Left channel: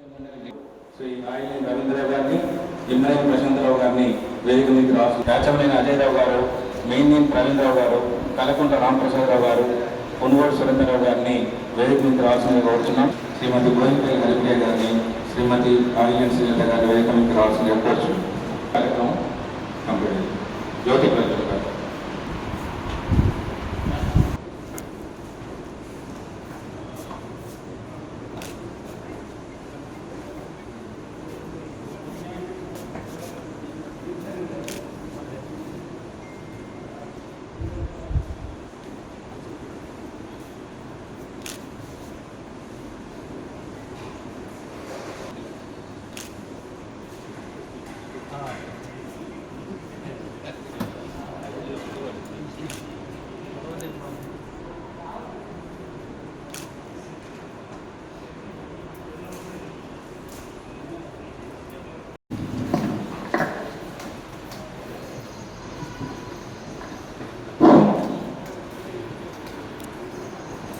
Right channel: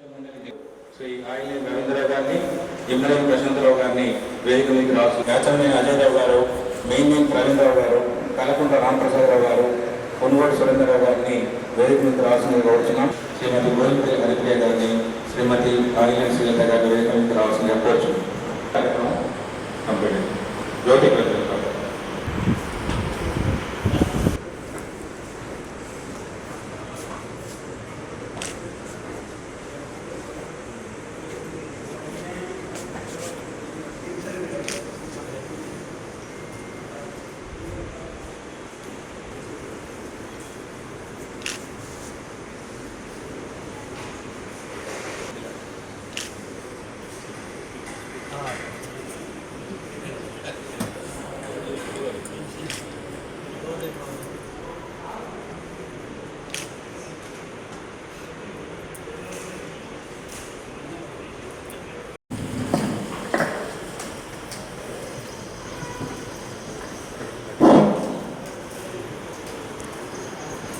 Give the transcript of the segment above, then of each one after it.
శ్రీ ఆయిలి రవీంద్రరావు గారిని, ఇన్నోని ప్రశాంతరావు గారిని వేదిక మీదకి రావచ్చు. యాచమనేని అజయరావు గారు, మేమేం ప్రవీణరావు గారు, కలకుంట రామప్రసాదరావు గారు, కొనుగోలు సురేంద్రరావు గారిని వేదిక మీదకి రావాల్సిందిగా కోరుతున్నాం. శ్రీమతి గోవిందపల్లి హరిప్రియ గారిని, శ్రీమతి ఆయిలి శ్రీలత గారి వేదిక మీదకి రావాల్సిందిగా కోరుచు. కార్యక్రమం కంప్లీట్. జ్యోతి ప్రజలు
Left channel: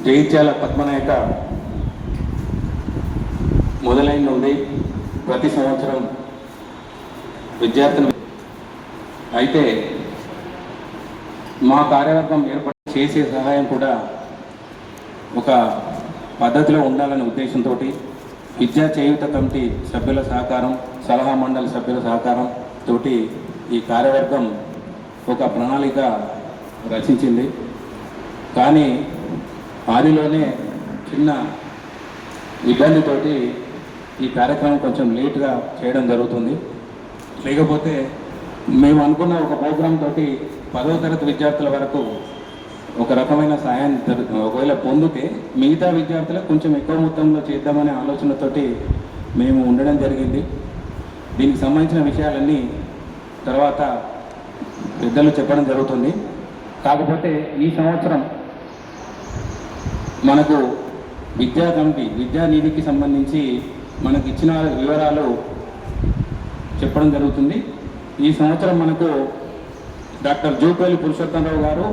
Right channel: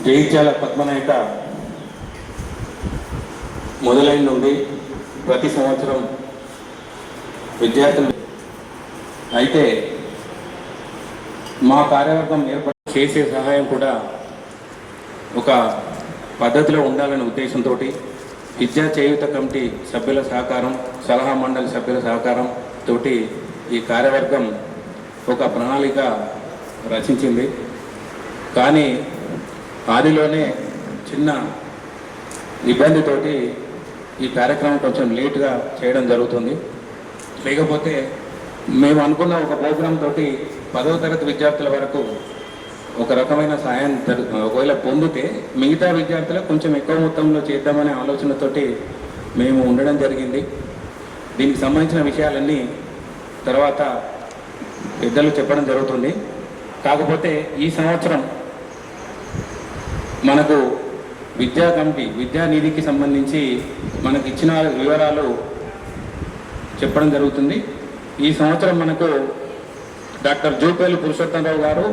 జగిత్యాల పద్మనాయక మొదలైన నుండి ప్రతి సంవత్సరం విద్యార్థులు అయితే మా కార్యవర్గం ఏర్పాటు చేసే సహాయం కూడా ఒక పద్ధతిలో ఉండాలనే ఉద్దేశంతో విద్యా చేయూత కమిటీ సభ్యుల సహకారం, సలహా మండలి సభ్యుల సహకారంతో ఈ కార్యవర్గం ఒక ప్రణాళిక రచించింది. కానీ ఆదిలోనే చిన్న ఇబ్బందితోటి ఈ కార్యక్రమం కొంచెం లేట్గా చేయడం జరుగుతుంది. లేకపోతే మేము అనుకున్న ఒక ప్రోగ్రాం తోటి 10వ తరగతి విద్యార్థుల వరకు ఒక రకమైన సాయం ఒకవేళ పొందితే మిగతా విద్యార్థులకు కొంచెం ఎక్కువ మొత్తంలో చేద్దామనే ఆలోచనతోటి మేము ఉండడం జరిగింది. దీనికి సంబంధించిన విషయాలన్నీ తర్వాత పెద్దలు చెప్పడం జరుగుతుంది. కాకపోతే ఈ సంవత్సరం మనకు విద్యా కమిటీ విద్యానిధికి సంబంధించి మనకు ఇచ్చిన వివరాలు చెప్పడం జరుగుతుంది. ఈ సంవత్సరం మనకు డాక్టర్ జూపల్లి పురుషోత్తమరావు గారు,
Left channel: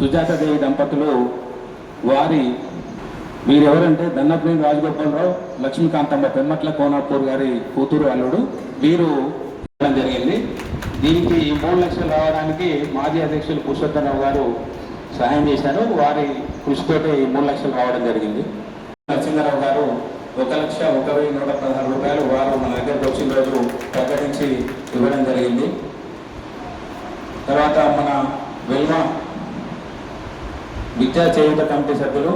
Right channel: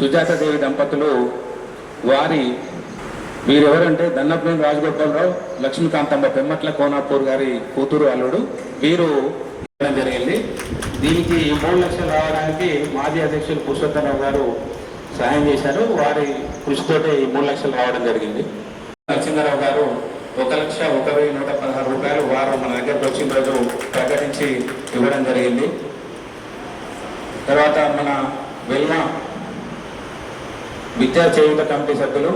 సుజాతాదేవి దంపతులు, వీరెవరంటే దన్నపనేని రాజగోపాలరావు, లక్ష్మీకాంతమ్మ పెమ్మట్ల కోనాపూర్ గారి కూతురు అల్లుడు, వీరు ఇవ్వడం జరిగింది. దీనికి 3 లక్షలు రావడానికి మాజీ అధ్యక్షులు పురుషోత్తమరావు గారు సహాయం చేశారు. వారి కృషితోటే 3 లక్షలు రావడం జరిగింది. నరసింహారావు గారు 1,01,116 రూపాయలు వారు మన దగ్గరకు వచ్చిన రోజు ప్రకటించి ఇవ్వడం జరిగింది. తర్వాత మన వెల్మ విద్యా చేయూత కమిటీ సభ్యులు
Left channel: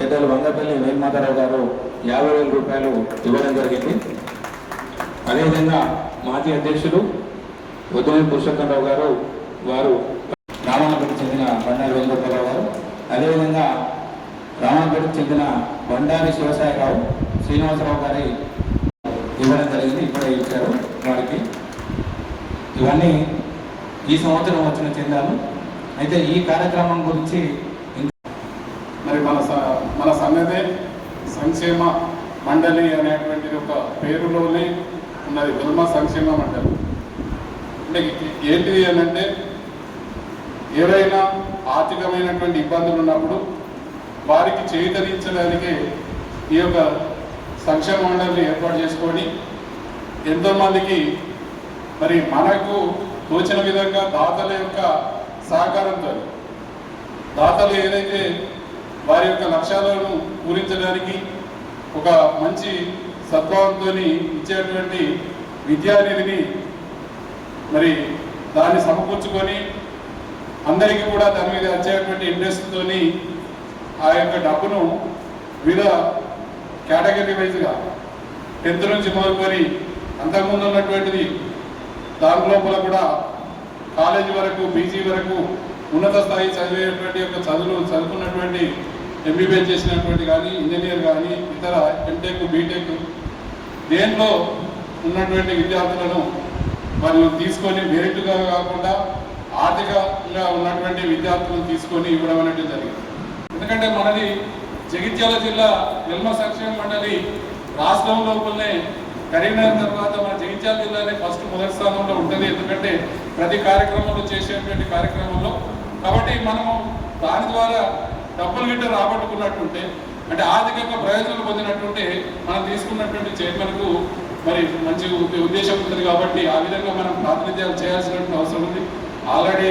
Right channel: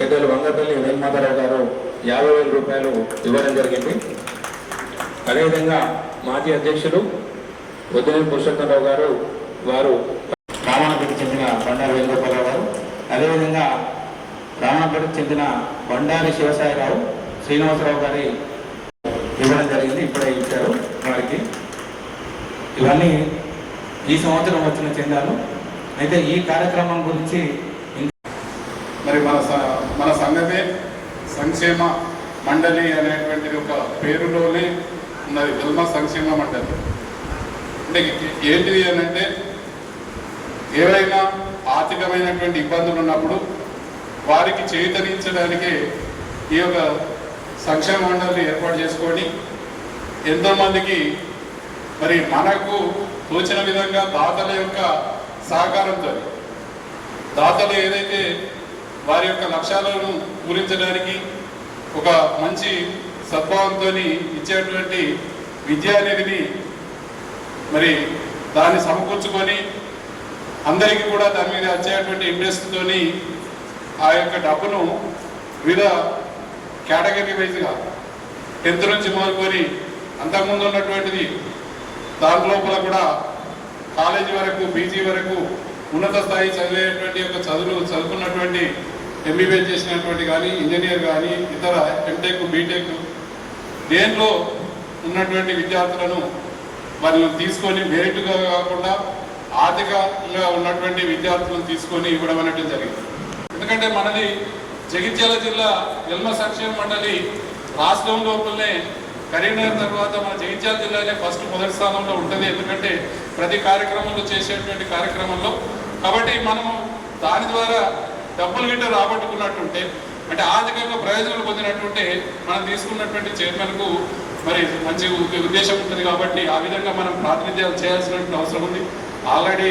పెద్దలు వంగపల్లి వేల్మాధవరావు గారు 50,000 రూపాయలు ఇవ్వడం జరిగింది. అదేవిధంగా మాజీ అధ్యక్షులు వద్దునేని పురుషోత్తమరావు గారు, వారు రామానగర్కి చెందిన బండారి వేణుగోపాలరావు గారు, అదేవిధంగా రామానగర్కి చెందిన బండారి శివసాయిరావు, శ్రీనివాసరావు గారి ఇవ్వడం జరిగింది. ఇప్పుడే ఇచ్చారు వారికి. ఇవన్నీ ఈ సంవత్సరం వచ్చిన చెందాలు. అయితే ఈ కార్యక్రమం గురించి మరి మన సంఘమే సంక్షేమ మండలి అనేటువంటి ఒక పేరులోనే ఉన్నది, వెల్మ సంక్షేమ మండలి. అంటే ఏంటిది అని అంటే, ఏవైనా ఆర్థికమైనటువంటి ఇబ్బందులు ఉన్నప్పుడు వారికి చేయూతనించడానికి ఈ యొక్క సంక్షేమ మండలిని ఏర్పాటు చేసుకొని ఎంతోమందికి మరి మనకు తోచిన విధంగా దాతల యొక్క సహకారంతో దాతలు ఏదైతే వారి యొక్క లక్ష్యాలను పూరించడానికి ఒక మంచి సద్భావంతో ఇచ్చేటువంటి విద్యానిధిని మరి దాన్ని సమకూర్చుకొని అందరికీ కూడా దాని మీద వచ్చేటువంటి ఇంట్రెస్ట్తో ఆ యొక్క డబ్బును వివిధ కేటగిరీ వైజ్గా 10th నుంచి మొదలుకొని అంతకుముందు ఉన్నటువంటిది దాని లోపల కూడా కాలేజీ వరకు, పీజీ వరకు ఉన్నత స్థాయి చదివేటువంటి యొక్క చదువుకున్నటువంటి ఎంబీబీఎస్ చేసినటువంటి కానీ, ఇంజనీర్ కానీ, ఇతర ఎంటెక్, బీటెక్ దేంట్లో ఉన్నటువంటి విద్యార్థులను వాళ్ళను తీసుకొని మెరిట్గా కాకుండా ఆర్థికంగా ఉన్నటువంటి విద్యార్థులను తీసుకొని ఇవ్వడం అనేది జరిగింది. ఎందుకంటే మనది జగిత్యాల జిల్లా వెల్మ సంక్షేమ మండలి రాష్ట్రం లోపలనే కరీంనగర్ తర్వాత మన జగిత్యాల జిల్లాలో మొదటి స్థానంలో ఉంటుంది. ఎందుకంటే ప్రతి కార్యక్రమంలో చేసేటువంటి కార్యక్రమంలో కాబట్టి మనము దాని ద్వారా డబ్బులు గిట్ట రాబట్టుకున్నట్టుంటే అంటే ఆర్థికంగా ప్రయోజనాలు పొందినటువంటి మనం తీసుకున్నటువంటి చైర్మన్కు మరి మంచి ఉద్దేశం ఉంటుంది కాబట్టి ఆ విధంగా మనం ప్రాతినిధ్యాలు చేయాల్సినటువంటి అవసరం ఉంది. ఆల్రెడీ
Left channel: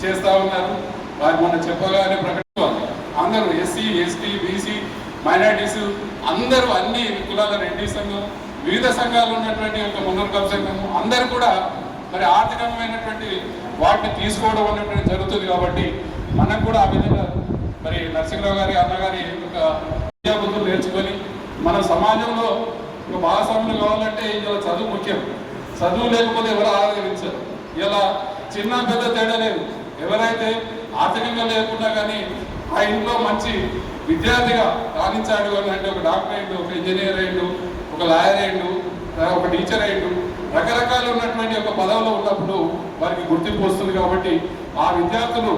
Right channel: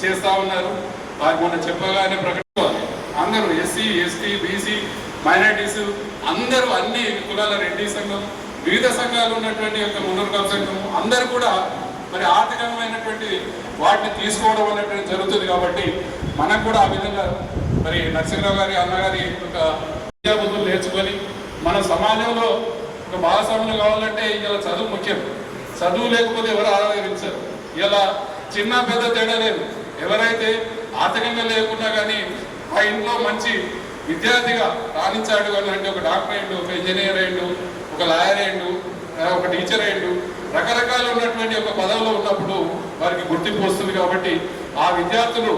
చేస్తూ ఉన్నారు. వారు మనం చెప్పగానే ప్రకటించాలి. అందరూ ఎస్సీ, ఎస్టీ, బీసీ, మైనారిటీస్ అందరూ అన్ని కులాల రెడ్డి సంఘం, వివిధ సంఘాలు ఉన్నటువంటి యొక్క మున్నూరు సంఘం అందరూ కూడా మరి ఆర్థికమైనటువంటి వాటిని తీసుకోవడం అనేటువంటి జరుగుతుంది. కాబట్టి మనకు కూడా ఆ విధంగా మరి నరసింహరావు గారి అన్నగారి ఒక విద్యాబుద్ధులు నేర్చుకొని మన సమాజంలో ఒక భాగస్వామ్యం కావాలంటే ఇలా చదువు ముఖ్యం. చదువు లేకపోతే ఎవరు ఆదరించారు. ఇలా చిన్న పెద్ద తేడా లేదు. ఎవరైతే ఆర్థికంగా లేకున్నా కానీ ఆ ఇంట్లో మంచి విద్యార్థిగా రాణించాడు అని అంటే ఒక డాక్టర్ అయ్యిండు, ఒక ఇంజనీర్ అయ్యిండు, ఒక లాయర్ అయ్యిండు, ఒక టీచర్ అయ్యిండు, రకరకాలు ఉన్నటువంటి ఒక పదవిలో ఉన్నప్పుడు వారికి గుర్తింపు వస్తుంది. కాబట్టి ఆ విద్యార్థులు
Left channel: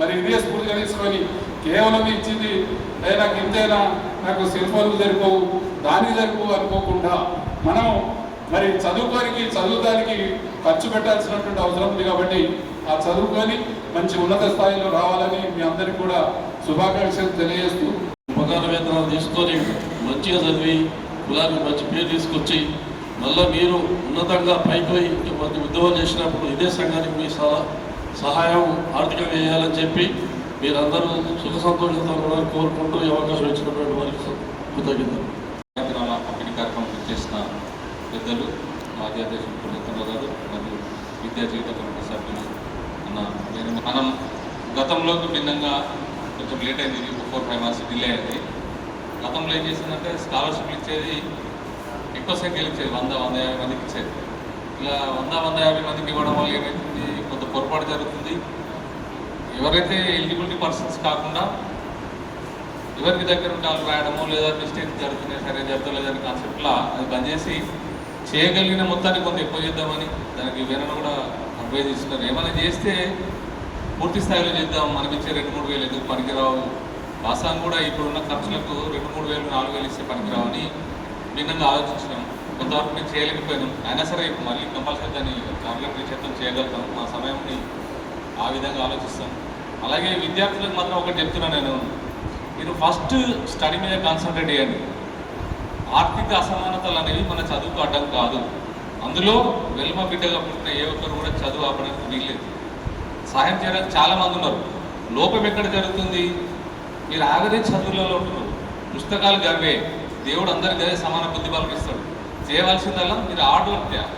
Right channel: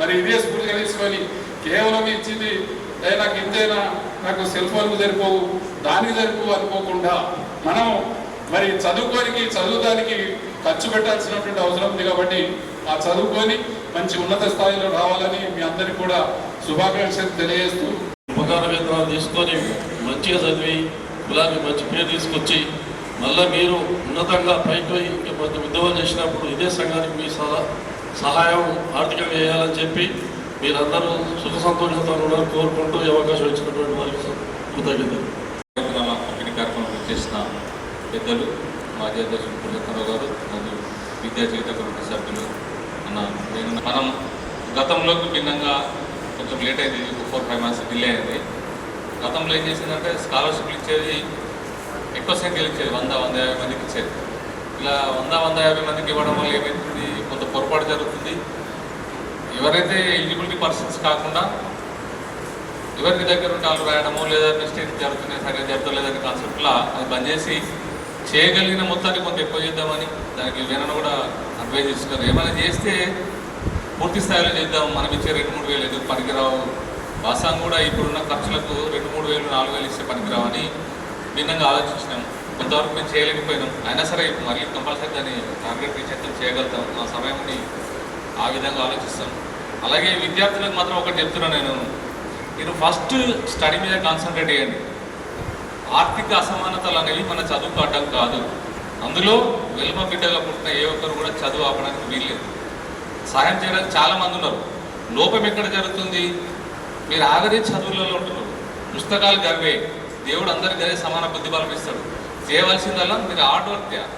మరి ఇదే స్కూల్గా తీసుకొని కేవలం ఇచ్చింది నాకు ఇంతైనా నాకు సెల్ ఫోన్కి సరిపోవు, దానికి సరిపోవు అనుకోకుండా మనం మరి చదువుదానికి ఖర్చు పెట్టాల్సినటువంటి అవసరం ఉంది. కాబట్టి ఆ చదువుకొని మంచి ఉన్నత స్థాయిలో రావాలని మీ అందరికీ కూడా శుభాకాంక్షలు తెలియజేస్తూ ఉపకార వేతనాలు తీసుకొని మంచిగా చదివి కులానికి మంచి పేరు తీసుకొచ్చి మళ్ళీ మీరు ఉన్నతంగా పైకి కొంత ఉద్యోగం చేసినప్పుడు ఇదే సంఘానికి మీ సహాయం ఆర్థికంగా చేయాలని చెప్పి మీరందరూ సుఖ సంతోషంతో కూడా కోరుకుంటూ ఈ అవకాశం ఇచ్చినటువంటి వారికి కృతజ్ఞతలు. పంపిణీ కార్యక్రమం చేసిన పెద్దలు మాజీ అధ్యక్షులు పుణ్యకరావు గారు మరియు విద్యా జీవిత కమిటీ సభ్యులు మనం గతంలోకి భిన్నంగా కొంచెం లేట్ అయింది. 4-5 months డిలే అయింది. గతంలో ఏం చేసిందంటే స్కాలర్షిప్లు ఇచ్చేది ఎక్కువ సంఖ్యలు ఇచ్చేది, 100-150 మందికి ఇచ్చేది. ఇలా 100-150 మందికి ఇవ్వడం వల్ల ఏమవుతుంది, కొంత పొరపాటు జరుగుతుంది. ఎవరైతే ఎలిజిబిలిటీ పర్సన్స్ కాకుండా ఎవరికి దగ్గర ఉంటే వాళ్ళు రాయడము లేదా మిస్టేక్ జరుగుతున్నాయి, సరిగ్గా జరుగుతలేదని కాన్సెప్ట్లా అది బంద్ చేసి చేయగలిగిన మొత్తాన్ని కొంత ఎక్కువ చేద్దామని దానికి వేరే కూడా అడ్వైజ్ ఇస్తున్నారు. ఏమైనా చేస్తే పూర్తి స్థాయిలో చేద్దాం, మనం ఇచ్చే 2-3 వేలు ఎందుకు పనికిరావు, వాస్తవం కూడా ఇప్పుడున్న ఖర్చులకు 2-3 వేలు 4 వేలు ఇస్తే పనికిరావని భిన్నంగా ఆలోచించినాం. కొంతవరకు మేము చేయలేకపోయినాం. అయినా సరే మళ్ళీ కంపల్సరీ దాన్ని టార్గెట్ రీచ్ చేయగలుగుతాం. ఆ సమయాన్ని ఆ విధంగా ఆలోచిస్తాం. అలాగే విద్యార్థులకు మాత్రం ఒకటి చెప్తున్నాను నేను, మీరు ఫస్ట్ స్టడీ మీద కాన్సన్ట్రేట్ చేయండి. ఆర్థిక అసమానతలు అనేవి మన చదువుకు అడ్డం కాదు. అందులో వెలుమ బిడ్డగా పుట్టిన ఏ ఒక్కరు కూడా చదువు ఆపడానికి వీల్లేదు. సహాయం చేయడానికి చాలామంది ఉన్నారు. లోపం ఎక్కడ జరుగుతుంది, మీరు ఆగదే చదువులలో ఉంటున్నారు. పుస్తకాలు గర్వే, దేవుడు అందరికీ అదే సమాన బుద్ధి బలం ఇస్తాడు. చేయవలసిందల్లా మీరు హార్డ్ వర్క్ చేయాలి,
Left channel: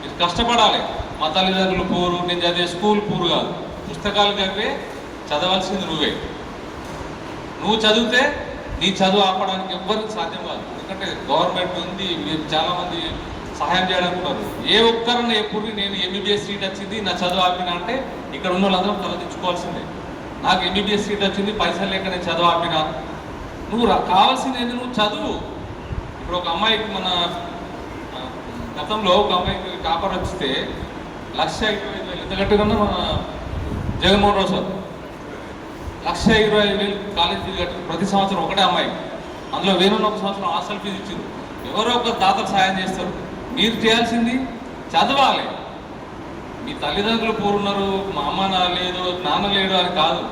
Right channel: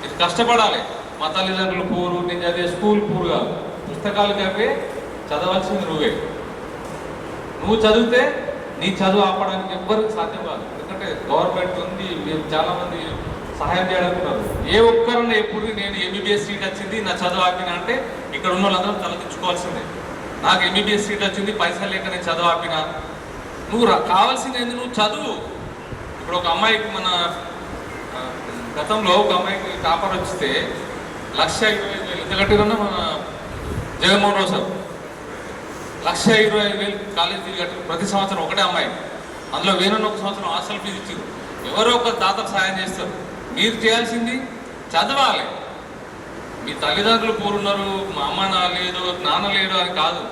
మీరు కష్టపడాలి. మా తల్లిదండ్రులు పూరు, నేను చదివే స్కూల్ పూరు కాదు. పుస్తకాలు గర్వే, చదవాల్సింది నువ్వే. నువ్వు చదివితే నీ చదువు ఆపడానికి ఎవ్వరికి సాధ్యం కాదు. ఎందుకంటే గవర్నమెంట్ ఉంది, చాలామంది సహాయం చేయడానికి. ఏ ఒక్కరన్నా ఎప్పుడు నేను ఎంబీబీఎస్ సీట్ వచ్చింది నా చదువు ఆపినా అంటే ఇక్కడ ఉన్న వాళ్ళందరూ తలదించుకోవాల్సిందే. నాకు ఎంబీబీఎస్ సీట్ వచ్చింది, పైసలు లేక నేను చదువు ఆపినా. నువ్వు కావాల్సింది ఏంది, నువ్వు చదువు. ఇప్పుడు ఒక అమ్మాయికి మన గతంలో ఒక అమ్మాయికి టాపర్ వచ్చితే 1,25,000 ఎంత కట్టిరన్నా మన Jaganmohan Rao sir 1,25,000 college fee కట్టారు ప్రతి సంవత్సరం ఒకటే అమ్మాయి. అందులో వేరొన్న ఒక సంవత్సరం హాస్టల్ ఫీజు ఇచ్చారు. ఎవరో ఒక దాతలు సాయం చేస్తారు. మీరు చేయాల్సింది చదవాలి. మీ తల్లిదండ్రులు పూరున్నారు, మా అమ్మ లేదు, నాన్న లేడు అని కాదు.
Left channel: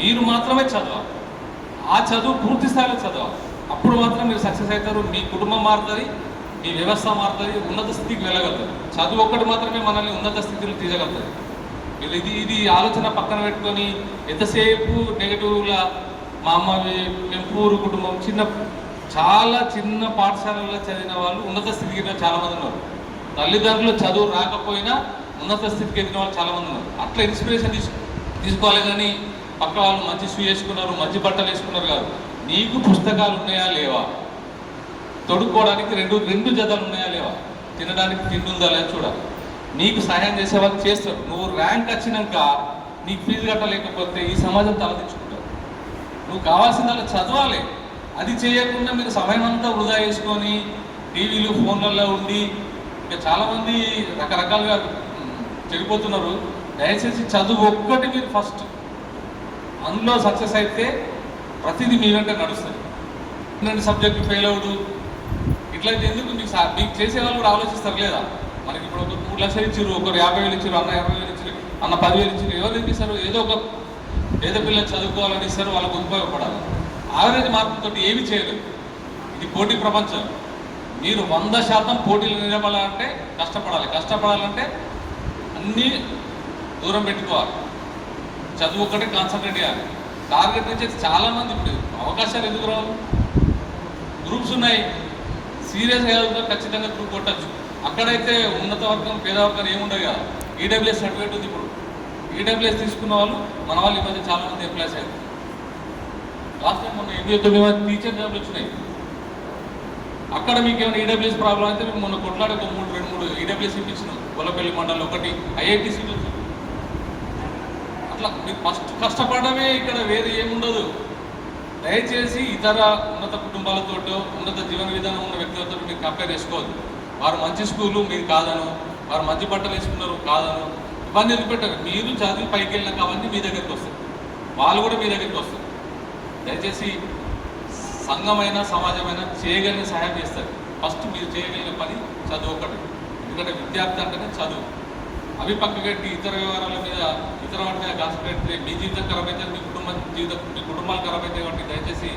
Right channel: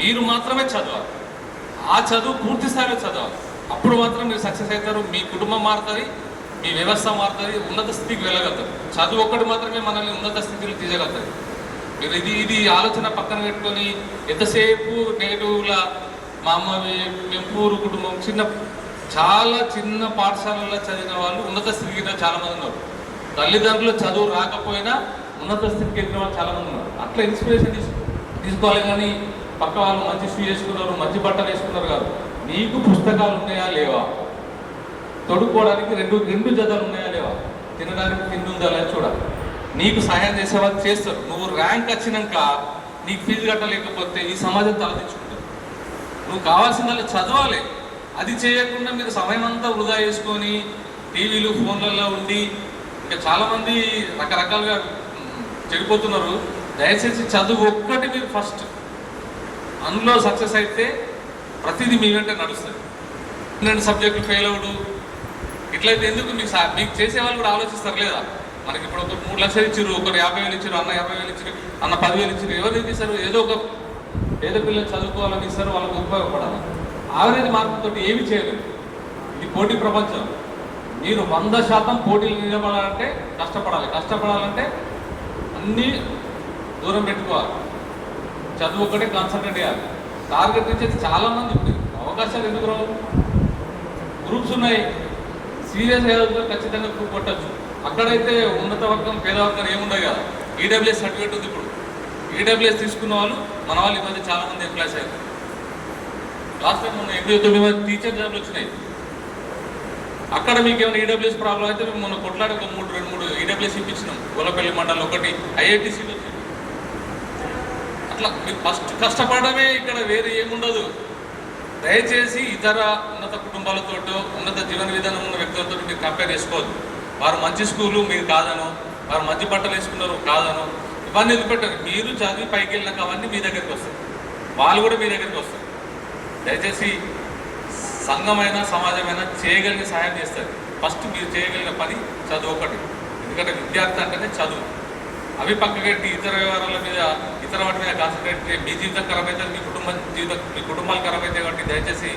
మీరు మాత్రమే చదవాలి. ఆ చదువు పూర్తి స్థాయిలో చదవాలి. అప్పుడు మాత్రం మీరు సక్సెస్ అవుతారు. మీ కుటుంబం మారుతుంది, మీ వ్యవస్థ మారుతుంది, ఉన్నత స్థితికి వెళ్ళగలుగుతారు. చదువు ఒక్కటి మాత్రమే మనల్ని ఉన్నత స్థితిలో తీయగలుగుతుంది. మీరు ఇది ఆలోచన పక్కన పెట్టుకొని ఎంతసేపు నెగిటివ్లా మా అమ్మ మేము పూరు కుటుంబం చాలా చిన్న పాఠశాలలో చదివిన వాళ్ళు ఉన్నత స్థితికి ఎదిగిన చాలామంది ఉన్నారు. తల్లిదండ్రులు చదువు రాకపోయినా ఉన్నత స్థితికి ఎదిగిన వాళ్ళు చాలామంది ఉన్నారు. అట్లా ఇన్స్పిరేషన్ తీసుకోవాలి. కానీ పక్క వాళ్ళు మంచి షూ వేసుకున్నారు, మంచి బట్టలు వేసుకున్నారు కాదు. నీకు పుస్తకాలు ఉన్నాయా లేవా, తొడుక్కోవడానికి రెండు జతలు ఉన్నాయా లేవా, తినడానికి తిండి ఉందా లేదా చూడాలి. నీకు సహాయం చేసే వాళ్ళు చేస్తారు. నువ్వు ర్యాంక్ వచ్చినాక నీకు ఫీజు కట్టలేకపోతే ఈ సమాజం తలదించుకుంటావు. నువ్వు కావాల్సిందల్లా చదవాలి. అది చేయకుండా మీరు సమయం అంతా వృధా చేసుకొని టీవీలు ఫోన్లలో ఉండి ఇంకా చాలామంది రకరకాలుగా చెడిపోతున్నారు. దయచేసి చదువు ఒక్కటి మీరు ఫస్ట్ అందులో సక్సెస్ అయితే ప్రతిదీ మీ వెంట నడుస్తుంది. 2 సబ్జెక్టులు ఫెయిల్ అవుడు ఇట్లయితే ఎందుకు మీకు చేసే వాళ్ళు కూడా ఆలోచిస్తారు లేదా? మనకి ఇప్పుడు ఒకరు 3 లక్షలు ఇచ్చారు, ఒకరు 50,000 ఇచ్చారు, అన్న 50,000 ఇచ్చారు, అన్న 10,000 ఇచ్చారు. ఎవరు ఇస్తారు? ఏదో పిల్లలు చదువుకోవాలని ఇస్తారు, వాళ్ళకు ఉపయోగపడాలి. యావరేజ్ మార్కులతో ఏమీ చేయలేదు. ఇది పోటీ ప్రపంచం. మీరు 100% పోటీలు నిలబడాలంటే కష్టపడాలంటే అన్నీ దూరం పెట్టుకోవాలి. చదువు ఒక్కటే కాన్సన్ట్రేట్ చేయాలి. టార్గెట్ నుంచి చాలామంది ఇప్పుడు అవకాశాలు ఎందుకు రావు? గ్రూప్స్ ఉన్నాయి, సీరియస్గా ఖచ్చితంగా గ్రూప్ కొట్టచ్చు. అక్కడైతే ఉన్నత వర్గం పేద వర్గం ఏముండవు కదా. ఈడబ్ల్యూఎస్ సర్టిఫికేట్ ఉంది. ఇప్పుడు ఈడబ్ల్యూఎస్ తీసుకున్న వాళ్ళు మన వాళ్ళు ఈ మధ్య చాలామంది ఎంప్లాయ్స్ అయ్యారు. లాస్ట్ టైం మొన్న 89 మంది టీచర్ జాబ్లు వచ్చినాయి. అక్కడ మీకు ఏమైనా ఈడబ్ల్యూఎస్ ప్రాబ్లం అయితే మేము మొన్న కొట్లాడి ఒక 2-3 ఈడబ్ల్యూఎస్ ఇప్పించినాం. గొల్లపల్లి మండలం ఒకటి ఐఐటి సీట్ వచ్చింది. అట్లా మీరు ఫస్ట్ కష్టపడమే, ఇక్కడ వేరే ఏముండదు. దయచేసి ఇతర ఉన్నత కుటుంబాలతో ఉన్నత జీవన విధానం ఉన్న వ్యక్తులతో మీరు కంపేర్ చేసుకోవద్దు. వారు మంచి స్కూలు మీరు కాదను, వారు మంచి బట్టలు వేసుకున్నారు కాదను, ఇవన్నీ వదిలిపెట్టారు. మీరు చదివి పైకి వెళ్ళినాక అవన్నీ మీ దగ్గరికి వస్తారు, వాళ్ళు కూడా మీ దగ్గరికి వస్తారు. దయచేసి సంఘమైనా సమాజమైనా చేయగలిగిన సహాయం చేస్తారు. ఫస్ట్ మీరు చేయగలిగిన పని చదువు ఒకటి. ఎందుకంటే విద్యార్థి అంటేనే చదువు. అవి పక్కకెట్టి ఇతర వ్యవహారాల మీద ఇతర వాటి మీద కాన్సన్ట్రేట్ మీ జీవితం ఖరాబ్ అవుతుంది, మీ కుటుంబాలు ఖరాబ్ అవుతాయి. కాబట్టి దయచేసి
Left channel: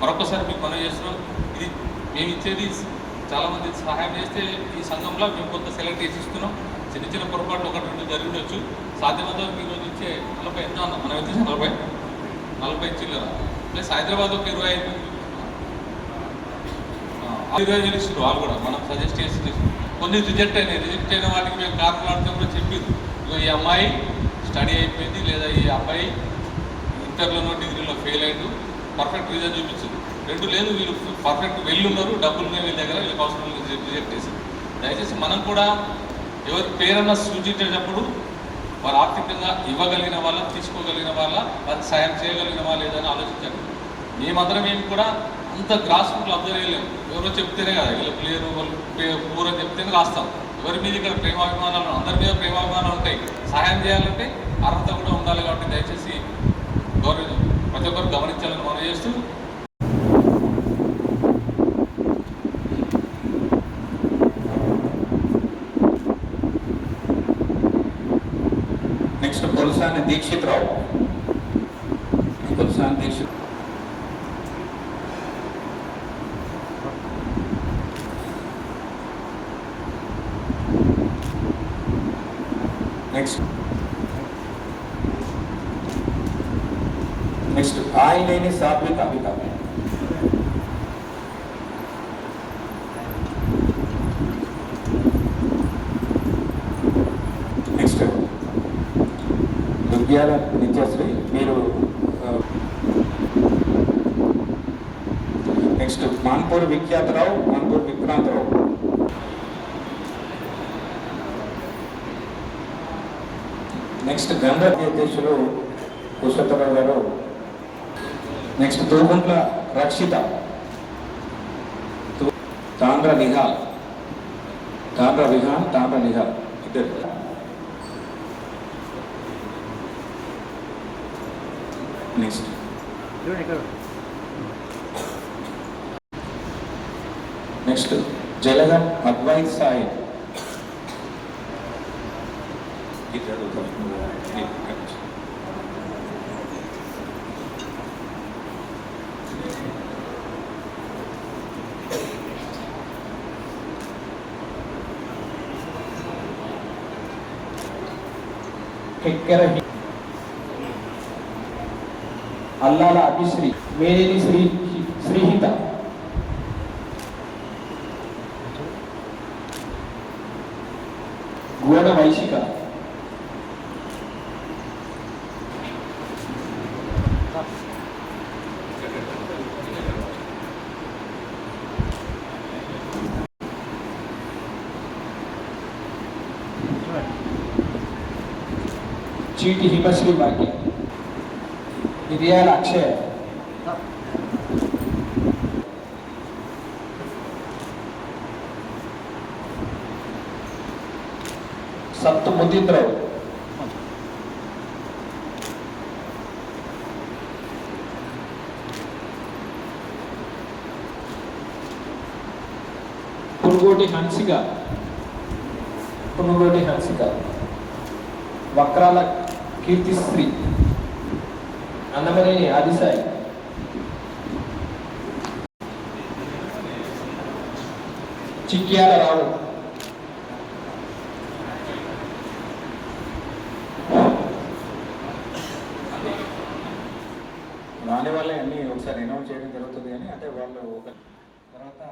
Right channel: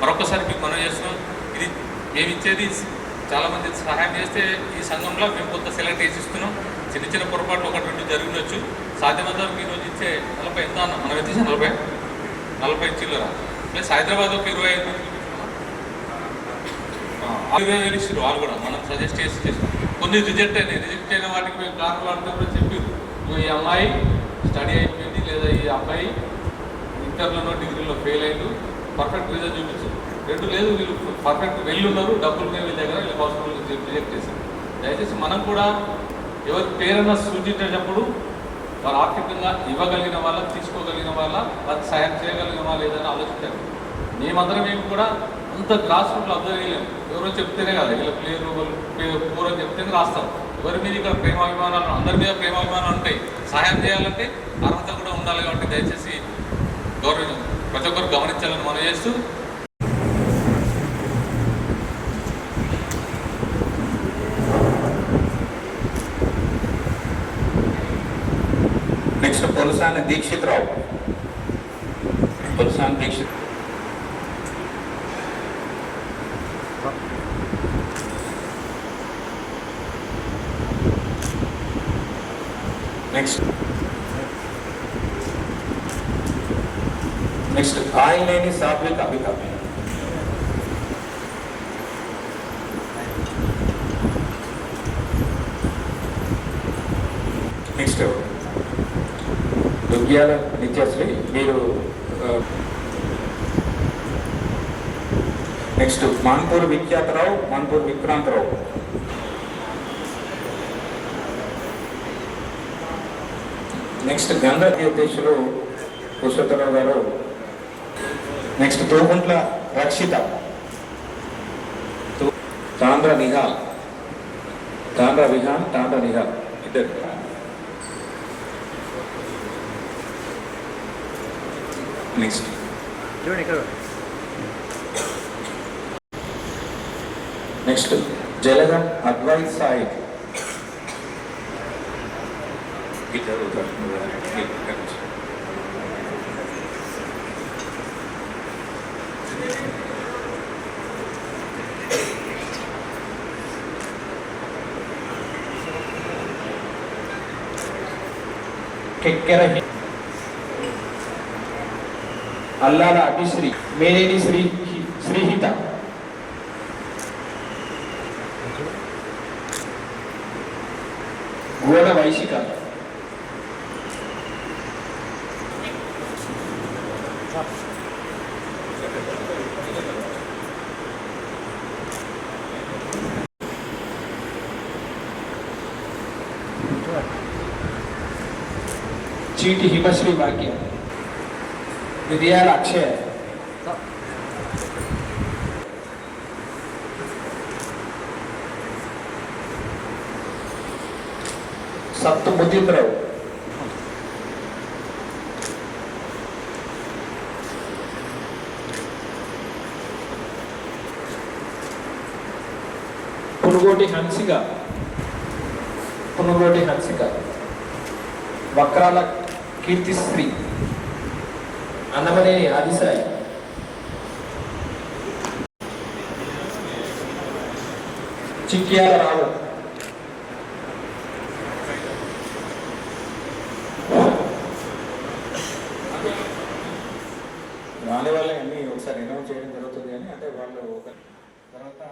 మరొకసారి మీకు మనం చేస్తున్నాం. ఇది మేము ఇచ్చేది చాలామంది సహాయం చేస్తే ఈ సంఘంలో మేము కొంత సెలెక్ట్ చేసి ఇస్తున్నాం. చిన్న పొరపాట్లు 1-2 జరిగి ఉండొచ్చు. సాధ్యమంతా మీరు రోజు ఇచ్చే 40 ఎంత అన్న మనం ఎంత 40 చిల్లర ప్లస్ హైదరాబాద్ ఒక 25,000 ఇచ్చారు. వాళ్ళు కూడా మనం సజెస్ట్ చేసి కొన్ని రిజెక్ట్ అయిన వాటికి మేము కారణాలతో కూడా చెప్పారు. ఈ అమ్మాయి స్టడీ అయిపోయింది, లేదా ఈ అబ్బాయి ఇంటర్లోనో డిగ్రీలో ఫెయిల్ అయ్యారు, పర్ఫెక్ట్ రిజల్ట్ చూపించింది. 2 లేదు, వీళ్ళు పర్ఫెక్ట్ ఉన్నారు, డబ్బులు వీళ్ళ దగ్గర, వీళ్ళకి అవసరం రిజెక్ట్ చేశారు. దయచేసి మనం కూడా ఎవరి పేరన్నా సూచించేటప్పుడు వారు ఆర్థికంగా ఇవ్వగలిగిన వాళ్ళ, తీసుకోగలిగిన వాళ్ళ, వారికి సాయం చేయగలిగిన వాళ్ళు ఏదైనా ఆలోచించారు. మేమందరం మేము కూడా అంత గ్రాస్ రూట్లో అబ్జర్వ్ చేయలేము. ఎవరో చెప్తేనే కదా, వీళ్ళకి లేరు, వాళ్ళు పూర్వం చెప్తేనే రాస్తాం. ఎవరి మీద ఇక్కడ ప్రేమాభిమానాలు, అందరి మీద ప్రేమాభిమానాలు ఉంటాయి. సహాయం చేయాలంటే అర్హత కూడా ఉండాలి. కాబట్టి దయచేసి ప్రతి ఒక్కరు గమనించాలని మనం చేస్తూ నెక్స్ట్ పొలసాని దీక్షిత్ రావు. పొలసాని దీక్షిత్. నెక్స్ట్ ఆయలేని సాత్విక్ అభికామ్య. నెక్స్ట్ దుగ్గ్యాల నిత్యశ్రీ. మీరు నెక్స్ట్ మాన్పూర్ విఖ్యాతరావు, మాన్పూర్ విక్రాంతరావు. నెక్స్ట్ గంగా అధ్యక్షులు పురుషోత్తరావు గారు. నెక్స్ట్ తోగుంట్ల రక్షిత, తాండ్ర నిహాల్ ఇద్దరు. నెక్స్ట్ జలగం అద్వై సాయి ఇద్దరు. అల్లాల అభిశ్రీ, మేనేని శ్రీహిత. గోడ వైశిక. చీటి హిమశ్రీ భాగ్య. విద్యాల అక్షయ. సత్తు ముదీంద్రరావు. పునుగోటి హన్సిక. వక్రాల కీర్తిశ్రీ. అన్నమనేని ఆదిసాయి. చిక్యాల రావు. రాని వాళ్ళే అన్నీ ఒకసారి అనౌన్స్ చేయడం జరుగుతుంది, కానీ అంటే వాళ్ళు ఒక తర్వాత